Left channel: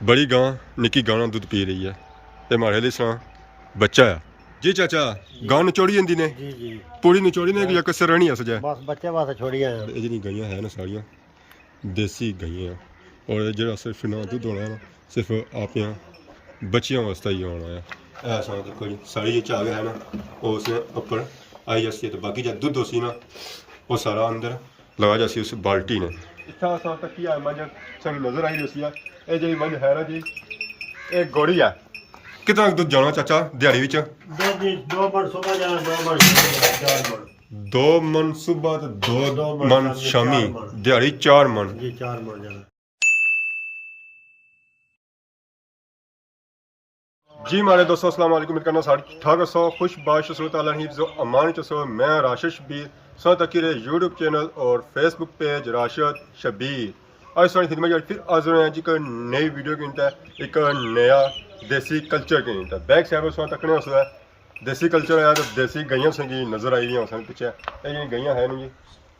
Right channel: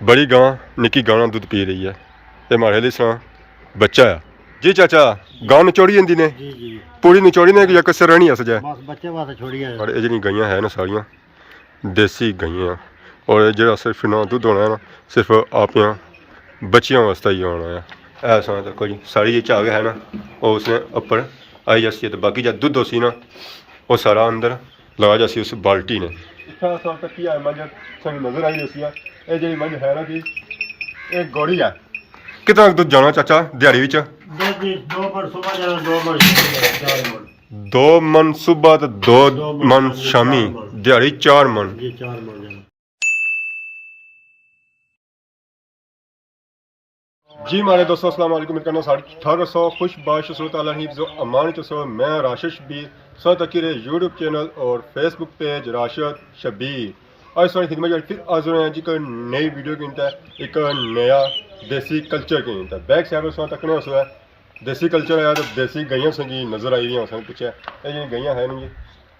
बड़ी गां निकी गां दुध पी रही है। ये हमारे लिए सुना बच्चा है जी चाचा। गां निचोड़ी जंदी ने जी जी पूरी निचोड़ी ने या कसर रहनी है सजा बस बच्चे वास्ते छोड़ी है। और ये जी गाइयां है ना सारियां देसी गाइयां और जो सिर्फ ना दुध होना है ना सिर्फ आपियां बच्चियों वास्ते ही होना है। ऐसा देखो जी सारी ये झाग है ना वो उसने ऊपर आई जाती है तो बाकी जब दुध उसी ना वो सारा अंदर लगा जाती उस बाल्टी ने इतना सा तक की मंझ नजर आई जैसी है ये जी मंझ है ना जी एक गोड़ी है। कितना दुध जाना चाचा दिहाड़ी विच? दो मन सुबह जाना, 2 मन 4 मन। 2 मन सुबह तो 2 मन शामी दिहाड़ी 4 मन जी 4 मन जाना जी। हमारे दोस्तों अस्सलाम वालेकुम करना साढ़े ठाक सौ खुश बाश सूरत जो अमान चसो मैं राशिश शबीर सौ तकीर यूट्यूब चैनल और फेसबुक पेज राशिद शबीर आज सारी खिदमत फिर हाजिर हैं जी एक नई वीडियो की एक नया देसी कल्चर की बैक साइड सौ तकने हो देसी कल्चर आया तो देसी गईयां संगी नज़र आई हुई पिछे ये गईयां है जी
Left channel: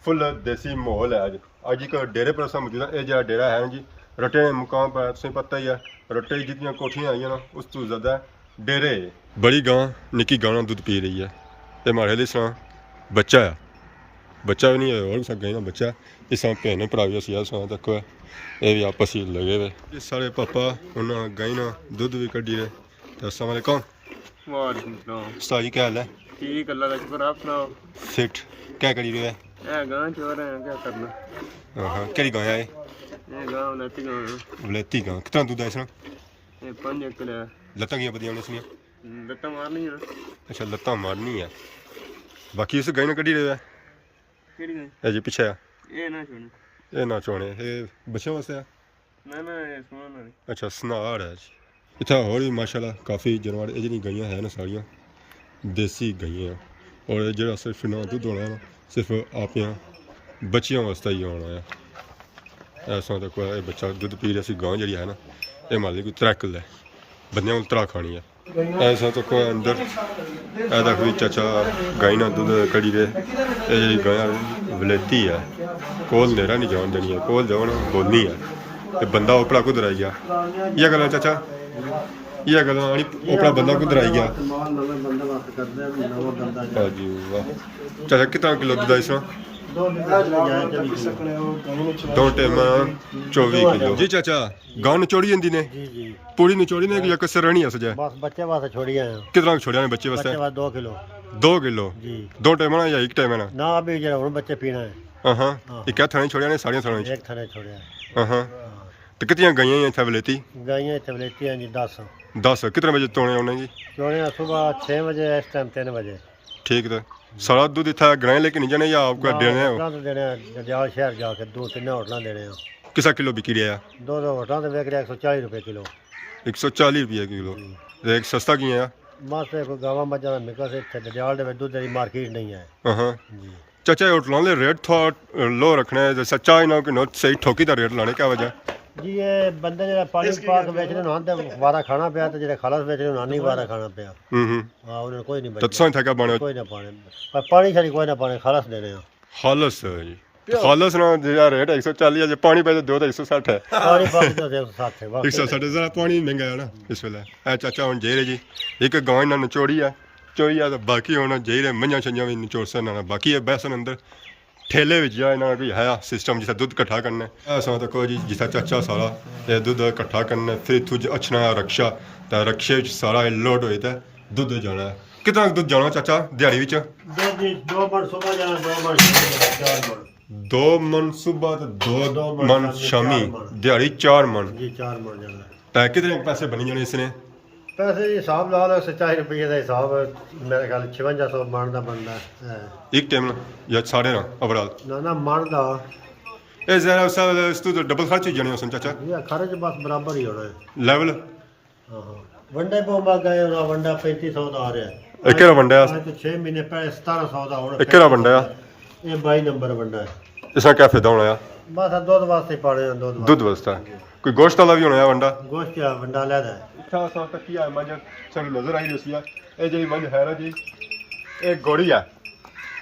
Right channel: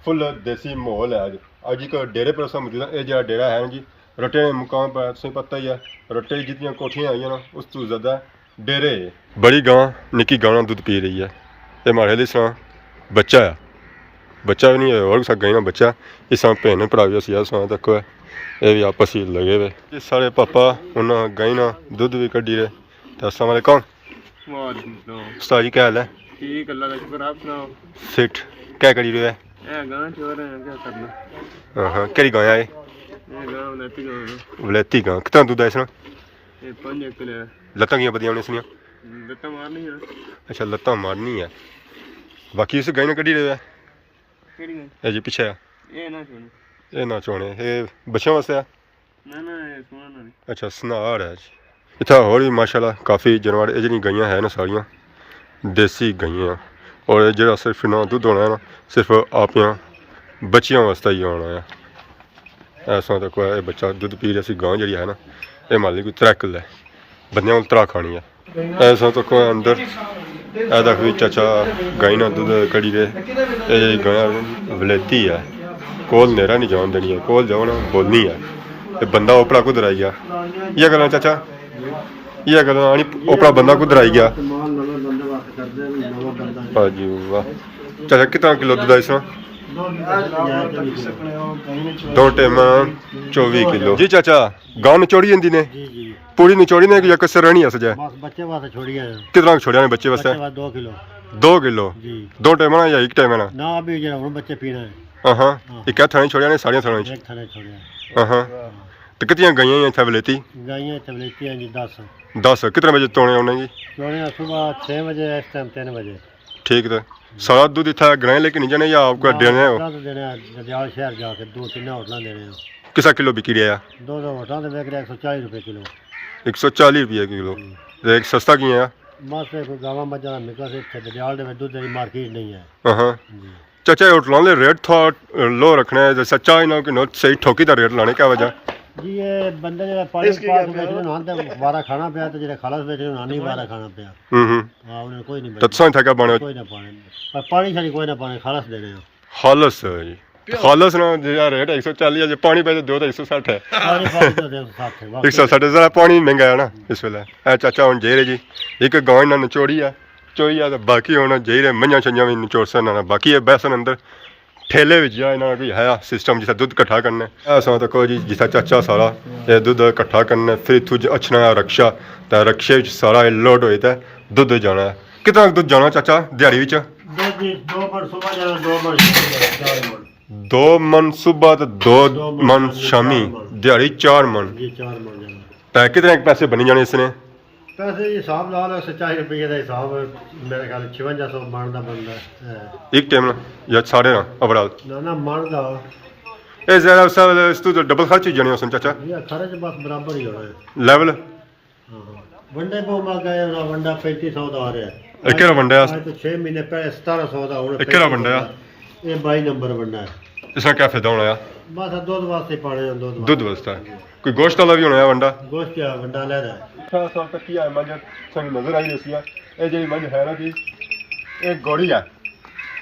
फुल देसी माहौल है। अज एक डेरे पर अस मौजूद है। यह डेरा है जी रट्टे मुकाम पर तुम पता ही है रट्टे जितनी कोठियां आई ना उस तो ज़्यादा डेरे। बड़ी गां निकी गां दुध पी रही है। ये हमारे लिए सुना बच्चा है बच्चा भी नहीं है और गई ना बच्चा इस भैन भरा भी अस सुना तक ये भी आपस ही लगे हुए ये सारे पापा उन्होंने गई ना दुध भी कड्डी रहे। तो अस्सलाम वालेकुम उस्ताद जी क्या हाल है? ठीक अल्लाह का शुक्र आप सुनाओ। फिट क्या करी रहे हैं? गां चोर हैं क्या करना। हाँ हाँ केड़ी गां है? ये गां वलेती गां है। वलेती गां कितना दूध है इसमें? ये 5 किलो है। लत्तां कियां बदियां इसनियां? लत्ता मारनी है। अच्छा लत्तां मारनी है बाकी इस गाय ने कड्डी रहे हैं केड़ी गां? ये जी पीछे है ये ना छोड़ो ये ना चोने ये बच्चों वास्ते है। ना ये सुना ना। अच्छा सनार है जी इतना होर भी माशाल्लाह काफ़ी जानवर ये जी गईयां है ना सारियां देसी गईयां और जो सिर्फ ना दुध होना है ना सिर्फ आपियां बच्चियों वास्ते ही होना है। ऐसा तक ये बच्चा दुध पी रहा गां जी है ना ये मान ली कोई 3 किलो है बंदियां को 3 खानी है। ऐसा तक अंदर तक भी चाचा गाई ना दुध कड़ी दे ये जी गाय वलेती है कोल नेरा नहीं जान देनी है कोल जाओ ना बोलनी है तो बंदा ओपड़ा कुदर आई गया। ये गल चाचा ये गल आनी ओपड़ा बंदा कुदर आई गया। हाँ जी वाह चाचा कितना किलो दूध है इसमें? 2 टाइम 24 किलो जी चाचा। गां निचोड़ी जंदी ने जी जी पूरी निचोड़ी ने या कसर रहनी है सजा बस बच्चे वास्ते छोड़ी है। कितना छोड़िया ने बच्चे वास्ते? 2 किलो 2 किलो जी 2 टाइम ना या एक टाइम ना? ना अभी जरा हुन बच्चे पीना है। हाँ हाँ एक थाने छोड़िया ने सारियां थाने एक थाने छोड़िया। हाँ हाँ तो कितनी गईयां हैं इतना वलेती? गायें तबलेती हैं जी 10 कितने बजे तोड़े उन्हें जी? चोने सुबह 6 बजे इस टाइम 3 बजे। ठीक है सारा दूध इतना गणे लेके नहीं जाने या आपको देने हो? दरियाल शहर जाके 2-3 होटल देने हैं। किसा किलो बिकी रहा है? 2 होटल देख रहे 140 रुपये किलो। 140 रुपये किलो एक सस्ता की है बस कोई गावा मजा निकल से दरियाल दे दुध की मार्केट नहीं है। हाँ चाचा होटलों के रेट थोड़ा लो रखना है सच्चा इन्हों की नोट सही ठोकी का रेट लाने क्या वजह? जी ये बंदे जो पानी पाक बेच रहे हैं वारा खाना पिया तो जो खालस बेच रहे हैं नहीं वारा खाना पिया। हाँ उन्हें कोई नहीं तो तुम क्या बने कोई ना पाने पर पानी छड़ी कोई ना पाने खालस देने हैं। खालस जी खालस ना जो रेट है 140 है पानी पे दो तो 160 है। पानी पाक तो 160 है 160 जरा पानी महंगा है ना इस वेले। ए चाचा हम जेरे जी एक गांव इन्होंने निचोड़ी है चोई है तो बाकी होना जेरे मंझा छंजा भी निचोड़ सकना बाकी है बैसन अंदर ठेले में जा इन्होंने कोई है सिस्टम जिसा दुध कट्ठा करना ऐसा तको जी जिसा चाचा सारा ये दुध कट्ठा करना फिर इतों अच्छना रक्षा तो रक्षे सारा लोड होता है दुध जाना है। कितना दुध जाना चाचा दिहाड़ी विच? 2 मन सुबह जाना, 2 मन 4 मन। 2 मन सुबह तो 2 मन शामी दिहाड़ी 4 मन जी 4 मन जाना। कितने पैसे बनी जाने इसने? पैसे हिसाब ला लो 40 रुपये का हिसाब मेरे ख्याल 5600 मन का बनता है एक टाइम ना या सारे ना ओवरऑल ना मन का ये ज़रा सब इस तो डबल खर्च ही जाने हो चाचा ये खर्च बस बराबर ही होना है लेवल। वंडे को मैं गए ना वंडा 3500 का आ रहा है एक वंडा आज तो 6 महीने पहले 1700 का होना एक वंडा ये 22 नंबर वंडा है। इसका क्या फायदा होना है? बस दूध वास्ते पाने दूध वास्ता कोई गोश्त वाला भी होना है वंडा? गोश्त क्या वंडा ले है अच्छा सा तक की है मंझ नजर आई जैसी है ये जी मंझ है ना जी एक गोड़ी है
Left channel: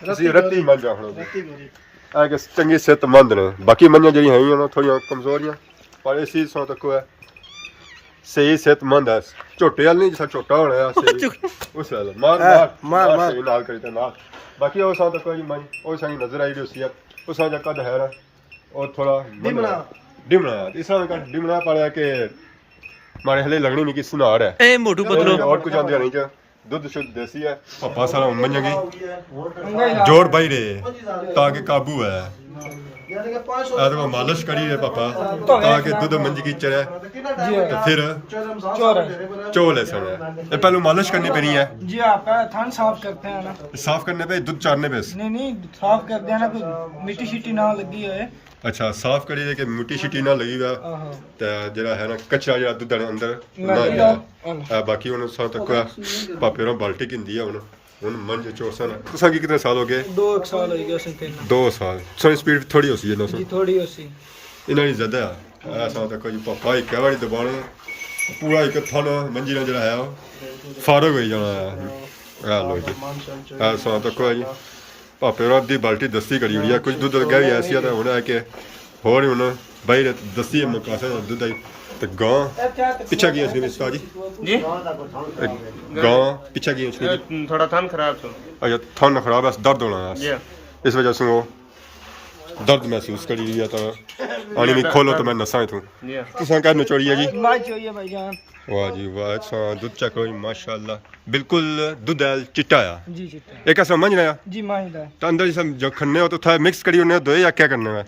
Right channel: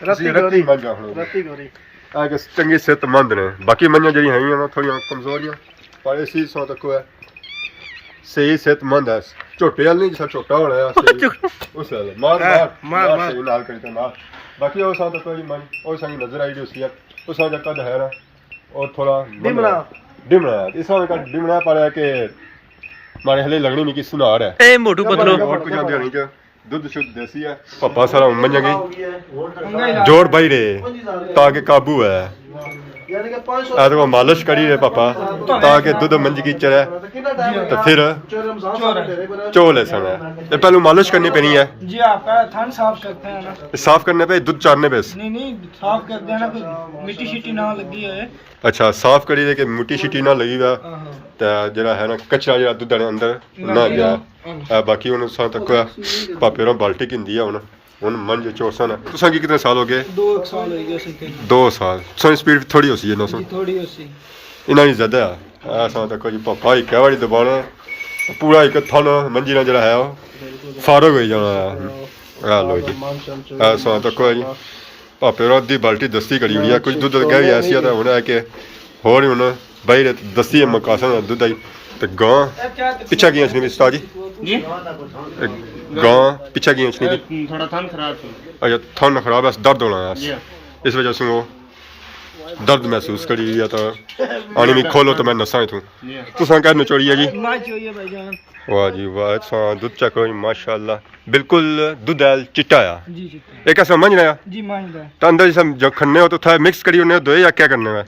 रत्ती मंझ रत्ती गोरी आगे चंगी सेहतमंद ने बाकी मंझा जी है ना थोड़ी कमजोरियां पर इसी सौ तक है ਸਹੀ ਸਿਹਤਮੰਦ ਹੈ ਝੋਟੇ ਵਾਲ ਨਹੀਂ ਜਿਹਾ ਛੋਟਾ ਹੋਣਾ ਹੈ ਸਹੀ ਉਸ ਵਾਲਾ ਮਾਰ ਸਹੀ ਨਾਲ ਕਰੀ ਤਾਂ ਨਾਲ ਬਾਕੀ ਉਹ ਸਾਂ ਤਾਂ ਕੋਈ ਮਨ ਉਹ ਸਾਂ ਨਜ਼ਰ ਆਈ ਰਹੀ ਸੀ ਉਹ ਸਾਂ ਜੱਕਾ ਦਾ ਹੈ ਨਾ ਉਹ ਥੋੜਾ ਡਿਮਣਾ ਇਸ ਤਰ੍ਹਾਂ ਦਾ ਡਿਮਣਾ ਪਾਇਆ ਕਿ ਮਾਰੇ ਹਲੇ ਲੱਗਣੀ ਨਹੀਂ ਕਿ ਸੁਨਾਰ ਹੈ ਇਹ ਮੋਟੂ ਪਤਲੋ ਹੋਰ ਕੁਝ ਆਂਦੀ ਨਹੀਂ ਚ ਦੁੱਧ ਸ਼ੁੱਧ ਦੇਸੀ ਹੈ ਪਾਪਾ ਸਾਰਾ ਮੰਨੇਗੀ ਜੋਰ ਬਾਈ ਰੇ ਤਾਂ ਕਿ ਕਾਬੂ ਹੈ ਆਦੋ को मालिश करी रहे पापा ताकि दूध मंजगी चढ़े तो फिर चोल है समय ये पहले मालिश करनी पैनी है जी आप थान साफ करते हैं ना साफ करने पे दूध चारने पे नहीं साफ करते हैं ना कोई मिट्टी शिट्टी ना लगी है अच्छा साफ करी दे कि मिट्टी शिट्टी ना लगी हुआ तो जरा है ना कचरा जरा दूध अंदर ना गया बाकी उन्होंने साथ तक पापे रो बाल्टी किंदी है उन्होंने ਹੁਣ ਮੰਜ ਚੋਸਨ ਹੈ ਤੁਸੀਂ ਕੀ ਕਿੰਨੇ ਸਾਲ ਹੋ ਗਏ 2 ਸਾਲ ਹੋ ਗਏ ਉਸੇ 2 ਸਾਲ ਸਨ ਸਪੀਡ ਥੋੜੀ ਹੋ ਸੀ ਇਹਨਾਂ ਸੋ ਥੋੜੀ ਹੋ ਸੀ ਇਹਨਾਂ ਦੀ ਜ਼ਿਆਦਾ ਆ ਸਾਂ ਤਾਂ ਕੋਈ ਪਾਪਾ ਹੀ ਕਵਾੜੀ ਦਬਾਣਾ ਪੂਰਾ ਇੱਕ ਥਨ ਮੰਜੀ ਨਾਲ ਜਿਹੜਾ ਹੈ ਉਹ ਫਾਰਗ ਹੋ ਜਾਣਾ ਆ ਲੋ ਜੀ ਆ ਸਾਂ ਤਾਂ ਕੋਈ ਪਾਪੇ ਰੋਦ ਦੀ ਬਾਲਟੀ ਦਸਤੀ ਕਰੀ ਹੋਈ ਆ ਕੁਝ ਦੁੱਧ ਗਈ ਐਸੀ ਆ ਤਾਂ ਹੁਣ ਆ ਕਿ ਹੋਰ ਹੁਣ ਬਾਈ ਦਸਤੀ ਮਕਾਸਨ ਦੁੱਧ ਆਈ ਤੇ ਗਾਂ ਪਿੱਛਾ ਗਈਆਂ ਸੀ ਉਸਤਾਦ ਜੀ गां पीछे गई भी थोड़ा थान खराब था अच्छा थान खराब है दर्द होना है इस वजह से वो दर्द महसूस करी या तो आनी भी खोलो तो मैं नसा थू तो क्या नचोड़ी है जी वाह जी वाह दूध चेक करो माशाल्लाह बिल्कुल दूध है चिट्टा है जी चिट्टा एक ऐसा समझ रहा जी माहिदा तो अंदर जैसे जब खन्ने हो तो था मिक्स करी उन्हें दो या क्या करने में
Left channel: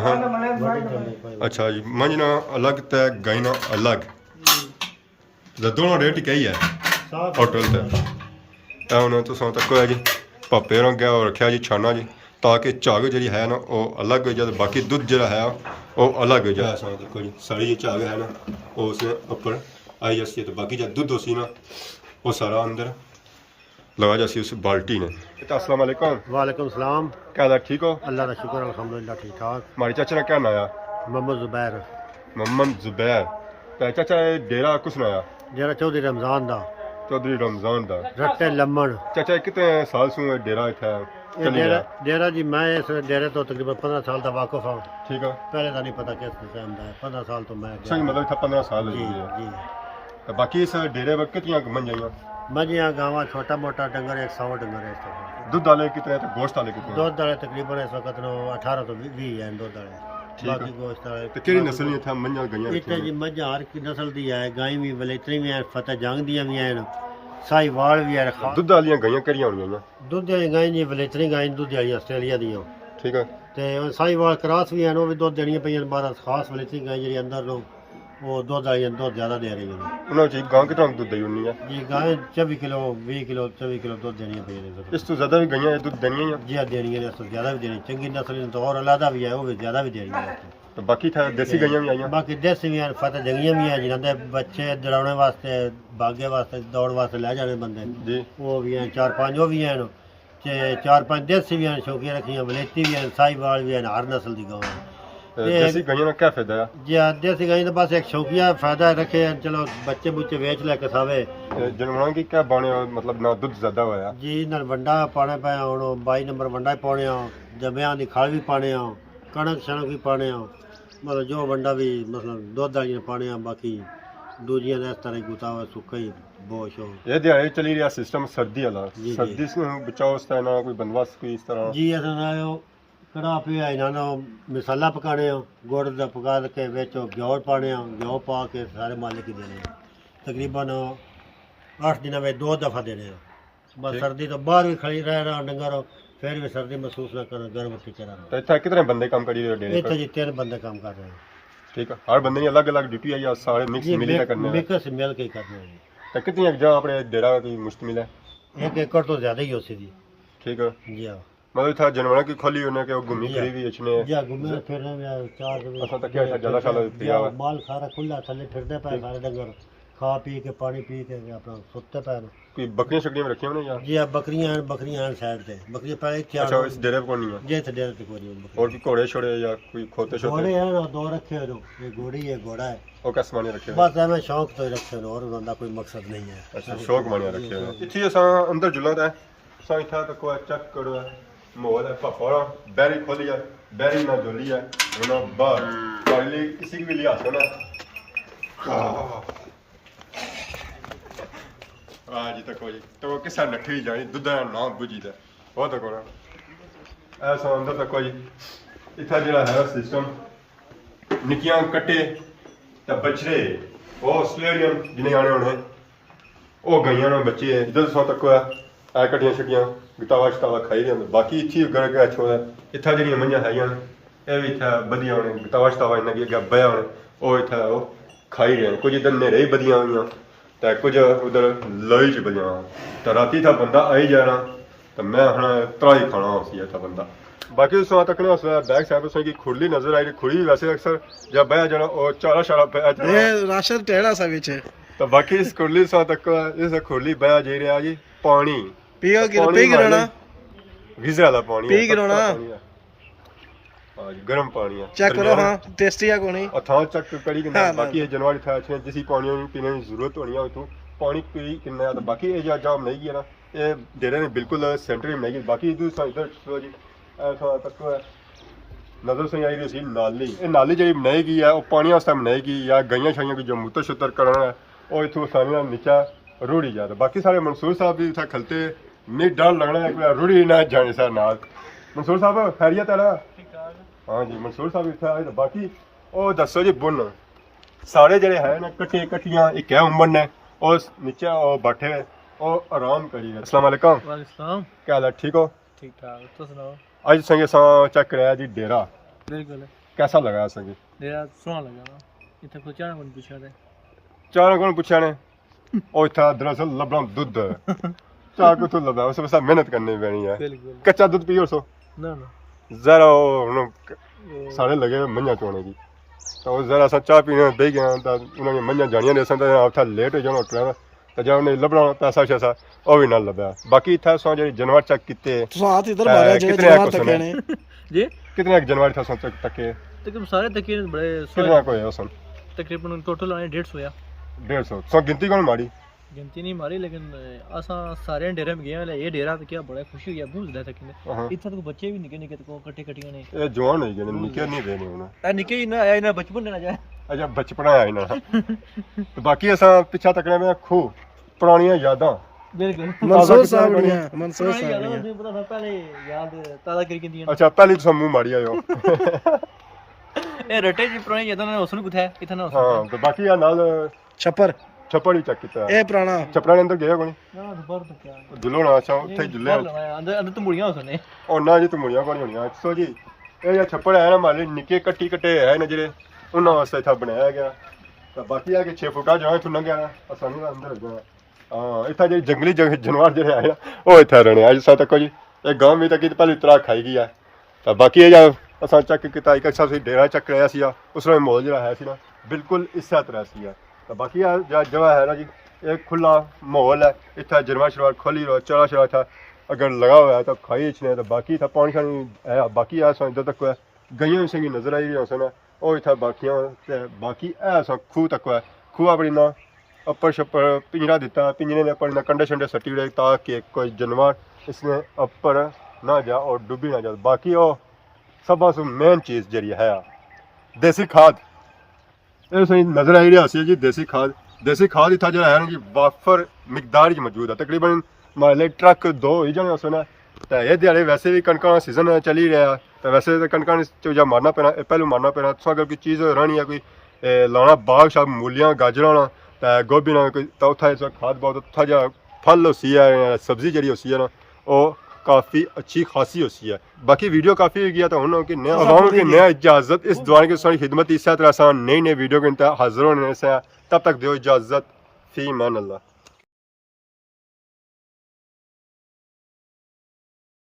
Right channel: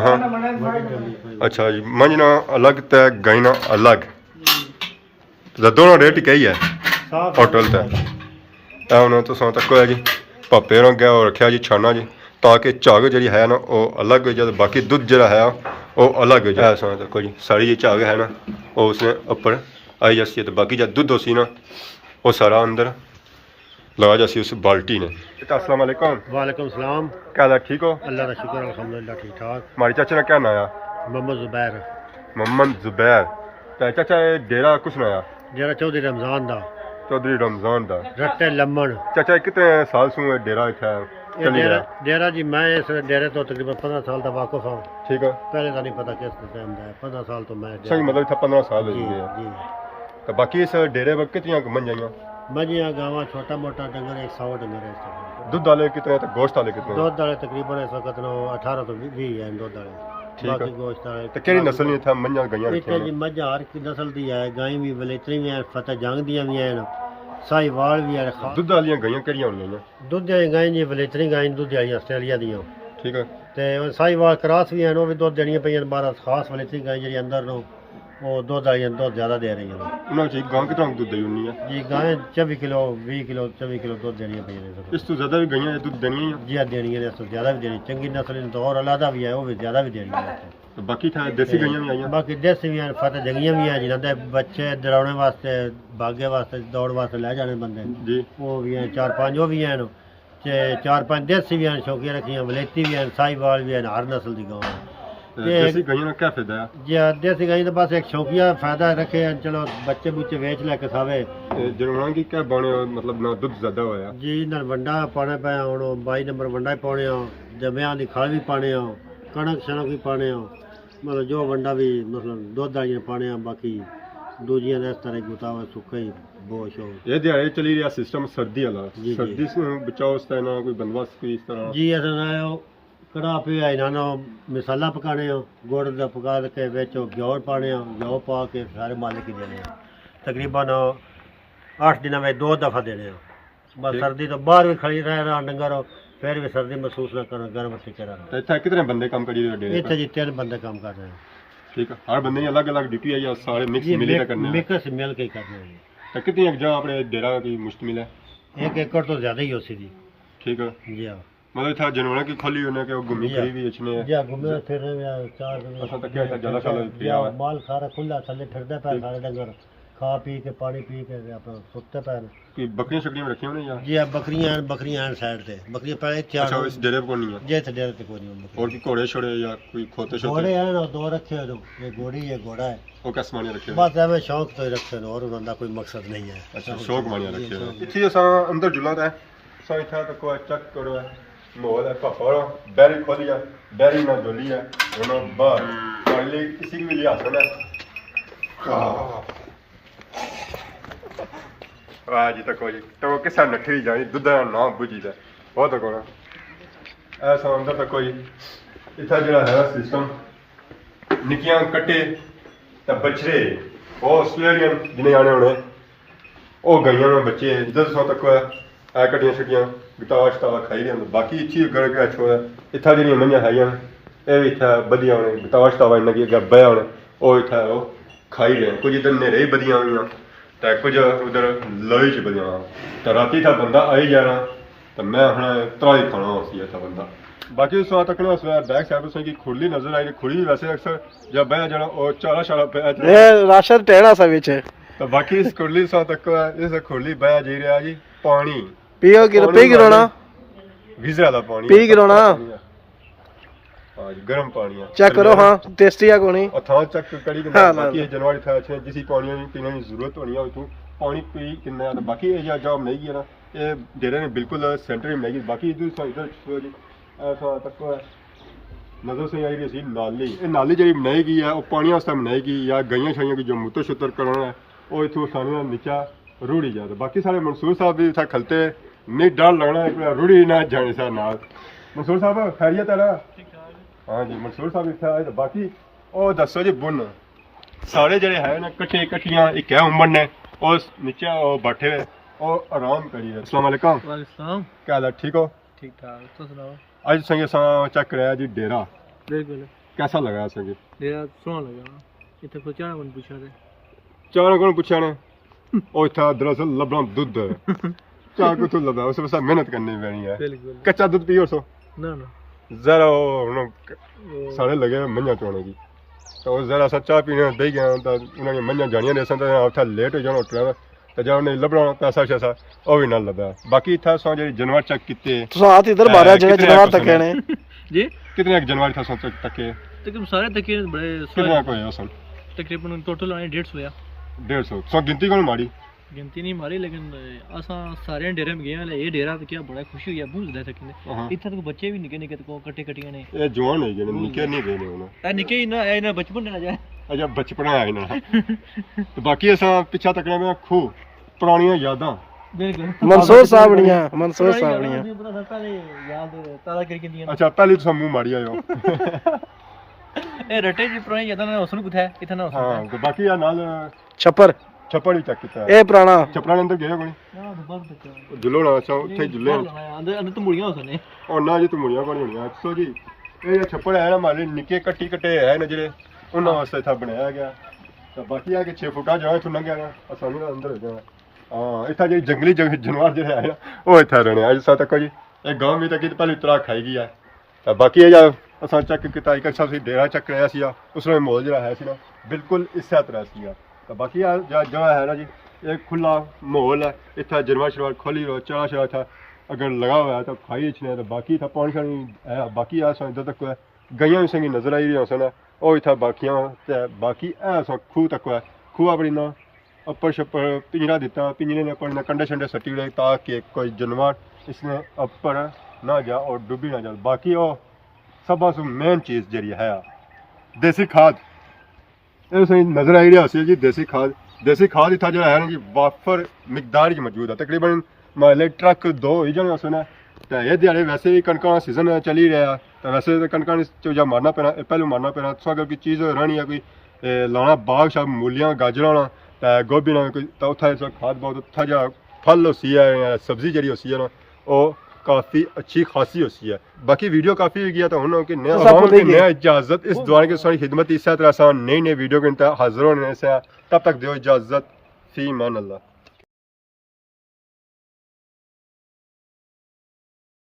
हाँ अच्छा जी मंजना अलग तय गायना अलग दोनों रेट ही है होटल ते उन्होंने तो तक है जी पापे ने क्या रखा जी छाना जी ताकि झाग जी है ना वो अलग हो जाए बाकी दुध जरा है वो अलग हो जाए सो तक जी सारी जी झाग है ना वो उसने ऊपर आई जाती है तो बाकी जो दुध होसी ना वो सारा अंदर लगा जाती उस बाल्टी ने। अस्सलाम वालेकुम। वालेकुम सलाम। क्या हाल है, ठीक हो? अल्लाह का शुक्र अल्हम्दुलिल्लाह ठीक ठाक। हमारे चाचा का क्या नाम है? मोहम्मद जुबैर। मोहम्मद जुबैर। तो चाचा ये डेरा कुछ नाया? डेरा चौधरी रमजान दा। चौधरी रमजान दा। रट्टे लम्मन। चाचा कितने साल से डेरा इतना चली रहा? डेरा जी मैं इस डेरे तो तकरीबन 15 साल का वाकिफ हूँ। ठीक है। पहले तो नहीं पता किस टाइम का है, 15 साल तो मैं मतलब था 15 साल जी जी। तो बाकी इस डेरे पर कितनी मन जाइए? मजियाँ गाँव छोटा मोटा डंगर 100 डंगर है। दूध डाले कितने तक, गोश्त डाले कितने? दूध डाले तकरीबन इस वक्त 18 तो 20 है दूध डाले। बाकी गोश्त डाले तो केड़ी नस्ल नहीं था मंजा गईयां? इतने जी मझा हर नस्ल दी है, गाय भी वलेतरी भी है, फतेह जंग दी भी है, साहिवाल भी है। दूध वाली गईयां केड़ियां होंदियां? दूध वाली गाय जी वलेतरी गाय दूध वाली आस्ट्रेलिया दी। ठीक है। ते साहिवाल क्रॉस भी है, वो भी दूध देनियां पईयां 12 खास वलेतरी गाय जी अंदर नो वो दूध वाली दूध ज्यादा दे रही है। उन्होंने जी गां कितना दूध दी होनी है? जी गाय 24 किलो 20 किलो 24 किलो दूध देनियां पईयां। इस तो ज्यादा भी गईयां दूध देनी है? जी देनियां ने, इस तो ज्यादा भी देनी। चंगी नस्ल तो और अलग भी है, वो भी ज्यादा भी देनी है। तो बाकी था देसी गईयां भी आईयां? बाकी देसी भी हैं, फतेह जंगियां भी हैं जिन्हां दे बच्चे दौड़ने वास्ते भागे वास्ते दौड़ वास्ते ले जाने बंदे जी, वो भी हैं 4-5 वो भी हैं ते 4-5 देसी भी हैं, शौकिया रखियां वलेती भी हैं, साहिवाल भी हैं, हर नस्ल दी गां है। देसी गायों का क्या फायदा है? जी देसी गाय तो बस एक शौकिया फायदा रखे, चलो बच्चे बुच्चे वेच ले कसावे जनवां की क्या बाने मतलब ना दूध ज्यादा होया जी। ना वंडा पाने पे हुण 22 नंबर वंडा ही पाने जम्या दी खाल भी पाने कणक शणक भी पाने मतलब जो वंडा भी मतलब दुध वाली पाने बाकी दूजियां ने इस तरह गुता हुआ सुक्का ही बोश हो। ये दिहाड़ी चली रहा सिस्टम सर्दी वाला, सर्दी से बचाओ इस तरह कोई बंदोबस्त कोई इस तरह? जी ऐसा ना कड़ा पिया इन्होंने मसाला पकाने गुड़ का पका के बेचो घ्योर पाने घ्यो पा के सारे मालिक ही देने तकरीबन 8 दिन में 2 दफ़ा देने। बस सर्दी तो बाहर भी खड़ी रह रहा डंगर फिर भी सर्दी महसूस ना करना, गर्म करा। इतना कितने बंदे काम करी रहे हैं? इतने जी 3 बंदे काम कर रहे हैं। ठीक है। हर बंदे की अलग अलग ड्यूटी है या सारे मिक्स मिल के करने हैं? मिक्स मिल के करने हैं। तो कितनी जगह अपने डेरा की मुश्तमिल है? 1 एकड़ तो ज़्यादा ही हो सी जी। ठीक है जी हाँ। मतलब था जानवर की खोली होने के घूमी फिरी भी इसने जी घूमे फिरने में 4 असा तक क्या ज्यादा साल पिया माल सारा खुला थले फिरदे पे सारे डंगर खा पी के पानी पी के अपना सुत्ते पे। कोई बकरियां शकरियां रखी होने या? जी बकरियां हैं साइड से, बकरियां पहले 4। अच्छा इस डेरे पे नहीं है? जी इस डेरे पे कोई नहीं। और भी घोड़े छोड़े या कोई खोते छोते? घोड़े हैं ना 2 रखे हो, एक घोड़ी है घोड़ा है। वो कैसे माने रखे? बस हमें शौक तो ही रखे और उनका कोई मकसद नहीं है। अच्छा शौक माने रखे। इथे असा अंदर जुला है सा इथा तो कोई चेक करो मोहल है पापा बैरी खोली है बैरी ना जोली है उन्होंने बाहर अगले किसी की भी लिहाज है ਵਾਹ ਜੀ ਤੱਕੋ ਜੀ ਤੋ ਕਿਸਾ ਨੱਠੀ ਜਾਣੀ ਦੁੱਧਾ ਨਾ ਬੁਝੀਦਾ ਬਹੁਤ ਕੋਣਾ ਐਸਾ ਅੰਦਰ ਤੱਕੋ ਜੀ ਇੱਥਾ ਜਿਹੜਾ ਹੈ ਸਿਸਟਮ ਨਿੱਕੀਆਂ ਕੱਟੇ ਤੇ ਬਛੜੇ ਉਹ ਆਸਟ੍ਰੇਲੀਅਨ ਜਿਹਨੇ ਆਣੇ ਹੋਣੇ ਉਹ ਗਈਆਂ ਨੇ ਬੱਚੇ ਜਿੱਦਾਂ ਸੌ ਤੱਕ ਆ ਕੱਟੀਆਂ ਛੁੱਟੀਆਂ ਗਤਾਵਾ ਸ਼ਤਾਵਾ ਖਾਈ ਰਹੇ ਹੁੰਦੇ ਬਾਕੀ ਇੱਥੇ ਗੜ ਕੇ ਅੱਛਾ ਇੱਥਾ ਜਿਹੜੀਆਂ ਮਈਆਂ ਹੈਗੀਆਂ ਇਹ ਵੀ ਇੱਥੇ ਵਧੀਆ ਹੋਣੇ ਗਤਾਵਾ ਸ਼ਤਾਵਾ ਲੱਗੀ ਅੱਗੇ ਬਹਿ ਹੋਣੇ ਉਹ ਇੱਥੇ ਉਹ ਖਾਈ ਰਹੇ ਕੁਝ ਇੱਧਰ ਨੇਰੇ ਹੀ ਵਧੀਆ ਹੋਈਆਂ ਤੇ ਕੁਝ ਉਧਰ ਲੋਈ ਚ ਵਧੀਆ ਤਾਂ ਰਾਤੀ ਤਾਂ ਬੰਦਾ ਆਈ ਜਾਣਾ ਤਾਂ ਮੈਂ ਹੁਣ ਤਰਾਈ ਖਾਣਾ ਸੀ ਇੱਥੇ ਬੰਦਾ ਬਾਕੀ ਉਸ ਤੱਕ ਨਾ ਬੈਕ ਸਾਈਡ ਤੋਂ ਖੁਰਲੀ ਨਜ਼ਰ ਆਈ ਖੁਰਲੀ ਵੈਸੇ ਅਕਸਰ ਜਦ ਬਹਿ ਜਾਣਾ ਉਹ ਚਾਰਾ ਸ਼ਾਰਾ ਇਹ ਰਾਸ਼ਨ ਟਹਿਣਾ ਸਾ ਵਿੱਚ ਤਾਂ ਬਾਕੀ ਇਸ ਖੁਰਲੀ ਸਾ ਤੱਕ ਇਸ ਖੁਰਲੀ ਬਹਿ ਜੀ ਰਿਹਾ ਜੀ ਪਾਣੀ ਪੀਓ ਕਿ ਪੀ ਕਰਾਉਣਾ ਗੀਜ਼ਰ ਵਾਲਾ ਪਾਣੀ ਪੀ ਕਰਾਉਣਾ ਹਾਂ ਜੀ ਗਰਮ ਪਾਣੀ ਆ ਚੈੱਕ ਕਰੋ ਹਾਂ ਟੇਸਟੀ ਆ ਕੋਣੀ और थां चेक करी कि बाकी ये जनवरी था अच्छे जिसी पानी पीने की जरूरत होनी है तू पानी पी किन्ना तो बाकी ये जॉब नहीं किया ना ये डेरे ने बिल्कुल सेंटर में नहीं बाकी इधर जी ऐसा तक है नजर से आई रही नाली ये नाली जी बनाएगी है वो पानी वास्ते बनाएगी या गईयां छाइयां की जो मूत्र छुत्र करना है वो इतों आसानी नीचा रूढ़ी जाता बाकी सारे मंसूर साहब भी इतना खलते नहीं डर लगना एक रूढ़ी ना जाने सर नाल मंसूर साहब खैरियत है ना हाँ जी मंसूर साहब इतना आए तो बाकी ਉਹ ਦੱਸੋ ਜੀ ਬੁੰਨ ਸਾਰੇ ਜਿਹੜੇ ਹੈ ਨਾ ਇਕੱਠੇ ਇਕੱਠੀਆਂ ਇੱਕ ਹੈ ਉਮਰ ਨੇ ਉਸ ਨੀਚੇ ਉਹ ਬੈਠੇ ਉਹ ਆਰਾਮ ਕਰੀਏ अस्सलाम वालेकुम ਵਾਲੇਕੁਮ ਕੀ ਹਾਲ ਹੈ ਠੀਕ ਹੋ ਠੀਕ ਠਾਕ ਤੁਸੀਂ ਸੁਣਾਓ ਅੱਜ ਸੰਗੇ ਸਾਂ ਚੈੱਕ ਕਰਿਆ ਜੀ ਡੇਰਾ ਬਿਲਕੁਲ कैसा लगा संगे ਡੇਰਾ ਸੋਹਣਾ ਲੱਗਾ ਨਾ ਇੱਥੇ ਕੋਈ ਚਾਹ ਬਣ ਪੁੱਛਿਆ ਤੇ ਚਾਹ ਕੋਣ ਪੁੱਛਿਆ ਨੇ ਉਹ ਇੱਥੇ ਦਰਅਸਲ ਲੱਭਣਾ ਦੁੱਧ ਚਾਹ ਕਿਥੋਂ ਲੱਭਾ ਉਸ ਵਿੱਚ ਮਿਹਨਤ ਕਰਨੀ ਪੈਣੀ ਹੈ ਬਿਲਕੁਲ ਕੱਚਾ ਦੁੱਧ ਪੀਓ ਸੋ ਨਾ ਨਾ ਜ਼ਰਾ ਹੁਣ ਸਾਰੇ ਲਗੇ ਮੰਝਾਂ ਚੋਣੇ ਜੀ ਤਾਂ ਉਹ ਜ਼ਰਾ ਸਾ ਚਾਹ ਪੀਣੇ ਦੇ ਗਿਆ ਤਾਂ ਉਹਨਾਂ ਨੇ ਮੰਝਾਂ ਜਾਣੀਆਂ ਨੇ ਸੰਦਾ ਉੱਥੇ ਲੇਟ ਹੋ ਜਾਣਾ ਉੱਠਣਾ ਤਾਂ ਜਾਂ ਉਹਨੇ ਲੱਭਣਾ ਪੈਸਾ ਛੇਸਾ ਉਹ ਵੀ ਨਾ ਲੱਭਿਆ ਬਾਕੀ ਇੱਥੇ ਸੋ ਜਿਹੜੀ ਜਾਨਵਰ ਚੈੱਕ ਕੀਤੇ ਤੁਸੀਂ ਆਤ ਇਧਰ ਮਾਰਿਆ ਜਿਹੜੇ ਜਾਨਵਰ ਤੱਕੇ ਨੇ ਜੀ ਕਿਤਨੇ ਜਾਨਵਰ ਥਾ ਸੋ ਤੱਕੇ ਤਕਰੀਬਨ ਸਾਰੇ ਤੱਕੇ ਬੜੇ ਕਿੰਨਾ ਕੋਈ ਹੈ ਸਨ ਤਕਰੀਬਨ ਟੋਟਲ ਆਏ 150 ਆ 150 ਸੋ ਗਿਣਤੀ ਕੋਣ ਮਾੜੀ ਗਿਣਤੀ ਨਹੀਂ ਮਾਰੀ ਲੇਕਿਨ ਅਸਾਂ ਸਾਰੇ ਡੇਰੇ में गए ਇਹ ਡੇਰਾ ਤੇ ਕੀ ਬੜਾ ਖੁਸ਼ੀ ਹੋਈ ਆ ਬੂਝਦਾ ਤੱਕ ਨੇ ਇੱਥੇ ਤੱਕ ਬੱਚੇ ਵੀ ਨਿੱਕੇ ਨਿੱਕੇ ਕੋ ਕੱਟੇ ਕੱਟੀਆਂ ਨੇ ਇਹ ਜਵਾਨ ਹੋਈ ਗਏ ਨੇ ਨਿੱਕੇ ਨਹੀਂ ਗਏ ਨੇ ਹੁਣ ਇਹ ਨਿੱਕੇ ਹੀ ਨਾ ਇਹ ਨਾ ਬਚਪਨ ਨਾ ਜਾਏ ਅਜਾ ਬਚਪਨਾ ਆਇਆ ਨਾ ਤੇ ਬਾਕੀ ਅਸਾਂ ਪਿੱਛਾ ਤੱਕਣੇ ਮੈਂ ਖੂ ਪੁਰਾਣੀਆਂ ਯਾਦਾਂ ਬਿਲਕੁਲ ਮਨਸੂਰ ਸਾਹਿਬ ਦੀਆਂ ਪਤਾ ਪਹਿਲੇ ਯਾਦ ਤਾਜ਼ਾ ਕਰੀ ਕਿੰਦੀਆਂ ਅੱਛਾ ਪਹਿਲੀ ਤਾਂ ਮੂੰਹ ਮਾੜੀ ਆਇਓ ਇਹ ਰੱਟੇ ਦੀ ਪੁਰਾਣੀ ਯਾਦਾਂ ਨਾਲ ਉਸਨੂੰ ਕਿੱਥੇ ਇੱਥੇ ਨਾ ਹਾਂ ਤੇ ਬਾਕੀ ਆ ਨਾਲ ਛੱਪਰ ਛੱਪੜ ਵੀ ਚੈੱਕ ਕੀਤਾ ਇਹ ਪੁਰਾਣਾ ਛੱਪੜਾਂ ਦੇ ਅੰਦਰ ਗਿਆ ਕੋਈ ਨਾ ਦੁਬਾਰਾ ਤੱਕ ਕਿਆ ਦੁੱਲੋ ਨਾ ਅੱਛਾ ਉੱਥੇ ਜੁੱਲੇ ਅੰਦਰ ਅੰਦਰ ਤਮੂੜੀਆਂ ਉਸਨੇ ਉਹ ਨਾ ਜੀ ਤਮੂੜੀਆਂ ਕੋਣੀ ਹੋਣੀਆਂ ਸੋ ਜੀ ਇਹ ਜਿਹੜਾ ਛੱਪੜ ਹੈ ਨਾ ਮਾਲੇ ਨਿੱਕੇ ਕੱਟੀ ਕੱਟੇ ਹੈ ਨੇ ਜਿਹੜੇ ਉਹਨਾਂ ਵਾਸਤੇ ਇੱਥੇ ਬਣਾਇਆ ਗਿਆ ਤਾਂ ਬਾਕੀ ਆ ਕਿ 6 ਫੁੱਟਾ ਜਗ੍ਹਾ ਇੱਥੋਂ ਲੰਘਿਆ ਨਾ ਆਸਾਨੀ ਨਾਲ ਅੰਦਰ ਹੋ ਜਾਣਾ ਹਾਂ ਇੱਥੇ ਜਿਹੜੀ ਜੰਗਲੀ ਜਾਨਵਰ ਜਿਹੜੇ ਆਏ ਨਾ ਉਹ ਇੱਥੇ ਰਹਿਣੇ ਅੱਜ ਸਾ ਤੱਕ ਜੀ ਇਹ ਗਾਂਵ ਵੀ ਤੱਕ ਪਹਿਲੀ ਤਰਾ ਖਾਈ ਗਈ ਆ ਤਾਂ ਬਾਕੀ ਇਹ ਜਦ ਅਸਾਂ ਚੈੱਕ ਕੀਤਾ ਇੱਕ ਅੱਛਾ ਸੀ ਡੇਰਾ ਚੈੱਕ ਕਰਿਆ ਸੀ ਉਸ ਵੇਲੇ ਮਾਹੌਲ ਜਿਹੜਾ ਹੈ ਸੀ ਨਾ ਬਿਲਕੁਲ ਇਸੇ ਤਰ੍ਹਾਂ ਸੀ ਤਾਂ ਬਾਕੀ ਆ ਜਗ੍ਹਾ ਹੈ ਨਾ ਜੀ एक खुला माहौल है इतना जनवर शरवर खोली हुआ चरा शरा था अगर लगा हुआ है तो खाई इच्छने तो बाकी था पानी शानी है बाकी ऐसा इधर तक है गईयां भी संगी नजर आई हुई है वो इतना बाकियां बाकी ऐसा खूह तक है खूह अपनी ना अपर छप्पर पिंजरा दिता पिंजरे ने अपनी ना कंडे शंडे सट्टी उड़े ताकि कोई जानवर इसमें अपर ना जा और डूबी ना जाए बाकी वो सब मेन चीज़ जी है देसी खाद ये नजर आई रही है जी देसी खाद इतना जो है ना जी वाफर मिकदार च मौजूद है तकरीबन माले ट्रक 2 ही जाने उसने तो ये दिहाड़े वैसे भी कणक का सीजन चली रहा तो वैसे तो कणक जो मारना पैना पहलू मारना पैना तो अगर कोई चीज़ रहनी है कोई लाना बाग शाग मूलियां गाजर तो गोभी ना कोई तो उत्थे खाद बहुत उत्था जा फल होती है सब्जी जी होती है ना वो काफ़ी अच्छी खासी होती है बाकी वीडियो काफ़ी हो गया तो हूँ कि नया इजाज़त इस दुआ की सारी खिदमत इस तरह नई नई वीडियो के हाजिर होने से तब तक दो इजाज़त फी मान अल्लाह।